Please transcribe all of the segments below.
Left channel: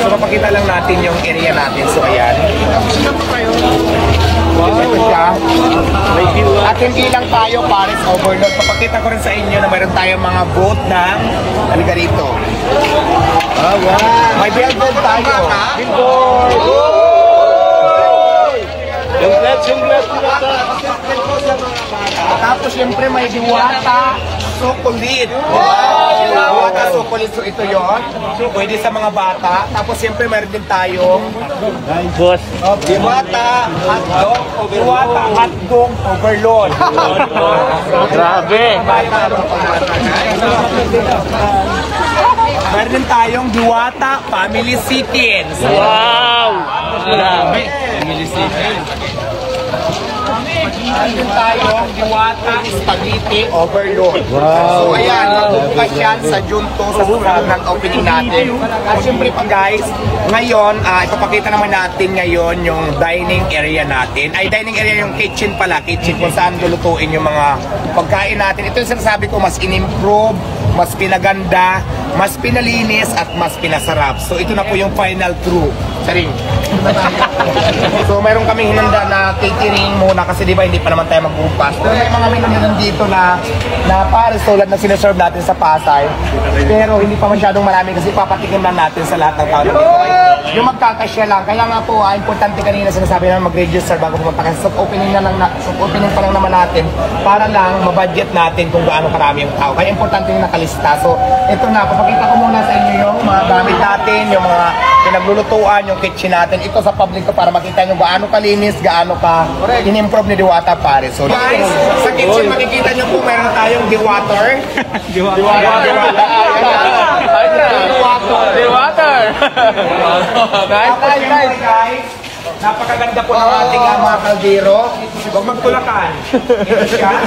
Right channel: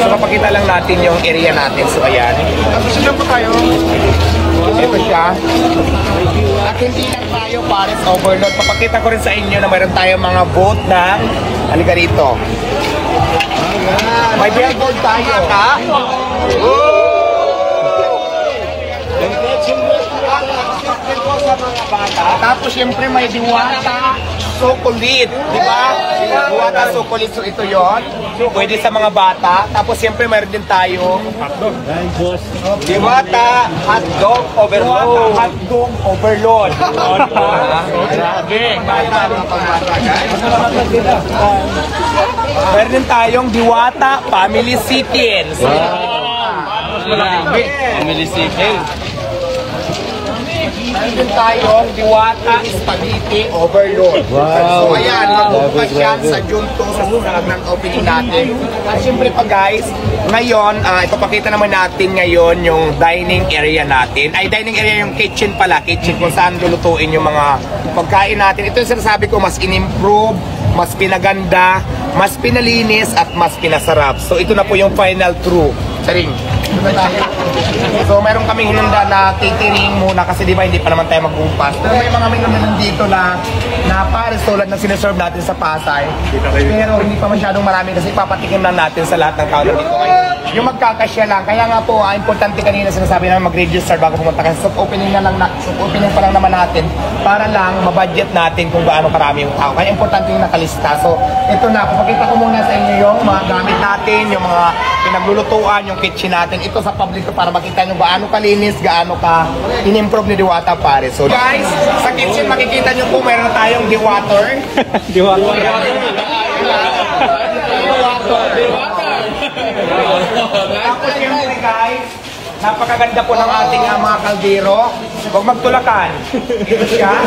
So, mapakita lang natin yung area natin. So, ayan. Ito siya. At hindi lang tayo Paris Overload. Papakita ko rin sa inyo na mayroon tayong mga boat na halika rito. May billboard tayo. Tapos syempre may diwata, sukulit, di ba? Diwata, sukulit, so ito yon. Pwede sa mga bata. Tapos syempre mayroon din tayo diwata, hotdog, overload. Mayroon din tayong diwata, family chicken. Family chicken. Meron tayong diwata, spaghetti, overload. Wow. So ayan, magbubukas yan sa June 2 sa susunod ng opening natin. At syempre pa guys, ngayon, ipapakita naman natin ngayon yung dining area natin. Ay, dining area yung kitchen pala. Kitchen kung saan lulutuin yung mga pagkain natin. Ito yung sinasabi ko, mas in-improve, mas pinaganda, mas pinalinis, at mas pinasarap. So ito na po yung final true. Saring. So meron kaming hinanda na catering muna kasi di ba hindi pa naman tayo magbubukas. Pero may mga menu dito na Paris tulad na sineserve natin sa Pasay. Pero hindi pa masyadong marami kasi papatikim lang natin sa lahat ng tao dito. Yung magkakasya lang. Kaya nga po, importante kanina sinasabi na mag-register bago pumunta kasi soft opening pa lang naman natin para lang mabudget natin kung gaano karami yung tao. Kaya importante yung nakalista. So ito na, papakita ko muna sa inyo yung mga gamit natin, yung mga pinaglulutuan, yung kitchen natin. Ito sa public ko para makita nyo gaano kalinis, gaano ka in-improve ni Diwata Paris. So guys, sa kitchen makikita nyo po meron tayong Diwater. Tapos siyempre guys, napakaganda po ng ating mga kaldero. Huwag magtulakan. Ito siya.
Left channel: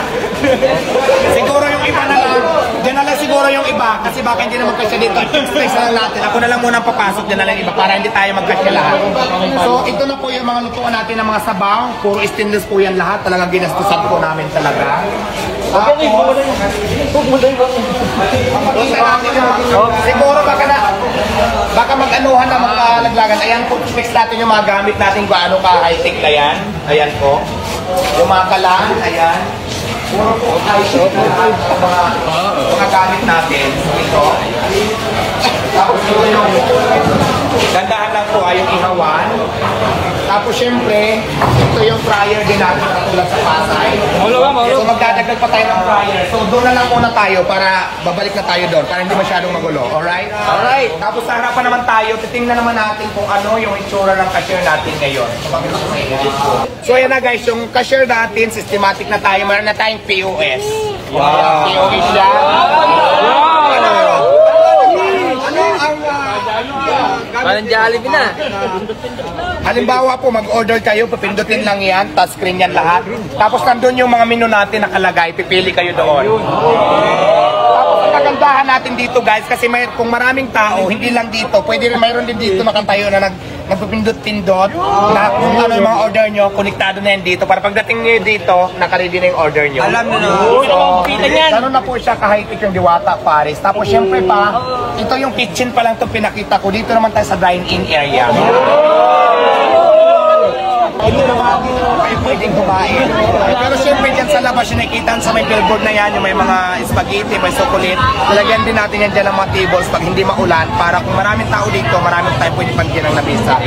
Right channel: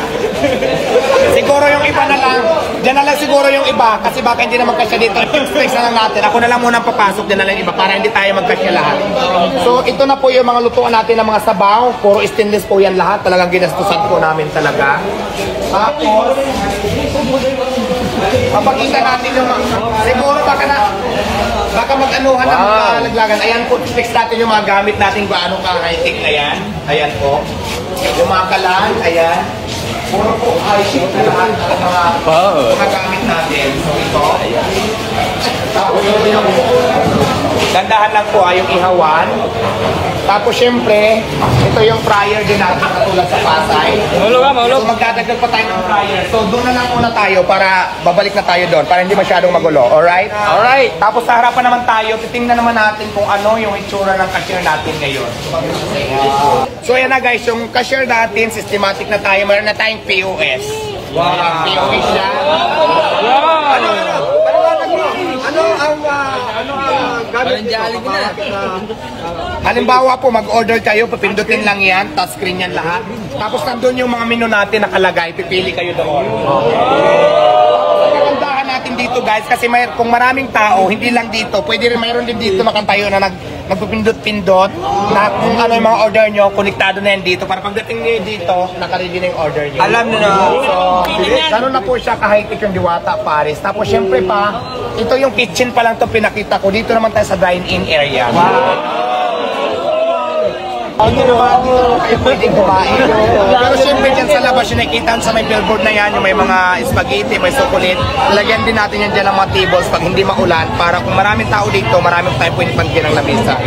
Siguro yung iba na lang. Diyan na lang siguro yung iba. Kasi baka hindi na magkasya dito. Space na lang natin. Ako na lang muna papasok. Diyan na lang yung iba. Para hindi tayo magkasya lahat. So ito na po yung mga lutuan natin ng mga sabaw. Puro stainless po yan lahat. Talagang ginastusan po namin talaga. Tapos, papakita natin yung siguro baka mag-anuhan na magkalaglagan. Ayan po, fix natin yung mga gamit natin gaano ka-high-tech na yan. Ayan po. Yung mga kalan, ayan. Puro po high-tech na mga gamit natin. Ito. Tapos yung gandahan lang po ay yung ihawan. Tapos syempre, ito yung fryer din natin katulad sa Pasay. So magdadagdag pa tayo ng fryer. So doon na lang muna tayo para babalik na tayo doon para hindi masyadong magulo. Alright? Alright. Tapos sa harapan naman tayo, titingnan naman natin kung ano yung itsura ng cashier natin ngayon. So ayan na guys, yung cashier natin, systematic na tayo. Meron na tayong POS. Wow. POS siya. Wow! Parang Jollibee na. Halimbawa po, mag-order kayo, papindutin lang yan, touchscreen yan lahat. Tapos nandun yung mga menu natin nakalagay, pipili kayo doon. Kagandahan natin dito guys, kasi kung maraming tao, hindi lang dito, pwede rin mayroon din dito makantayo na nagpipindot-pindot na kung ano yung mga order nyo, konektado na yan dito. Para pagdating nyo dito, nakaready na yung order nyo. So, ganun na po siya ka-high-tech yung Diwata Paris. Tapos syempre pa, ito yung kitchen pa lang ito pinakita ko. Dito naman tayo sa dine-in area. Hindi naman kayo pwedeng kumain. Pero siyempre dyan sa labas yung nakikita sa may billboard na yan, yung may mga spaghetti, may chocolate. Lalagyan din natin yan dyan ng mga tables pag hindi maulan para kung maraming tao dito, maraming tayo pwede pagyan ng lamesa.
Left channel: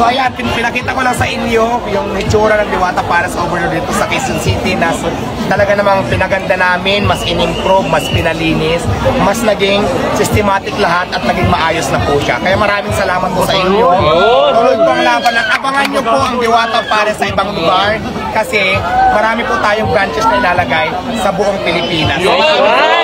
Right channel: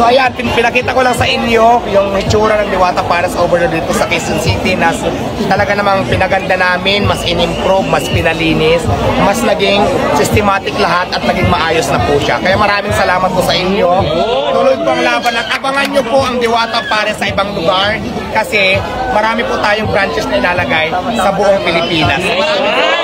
So ayan, pinakita ko lang sa inyo yung itsura ng Diwata Paris Overload dito sa Quezon City na talaga namang pinaganda namin, mas in-improve, mas pinalinis, mas naging systematic lahat at naging maayos na po siya. Kaya maraming salamat po sa inyo. Tuloy pang laban at abangan nyo po ang Diwata Paris sa ibang lugar kasi marami po tayong branches na ilalagay sa buong Pilipinas. So, marami po.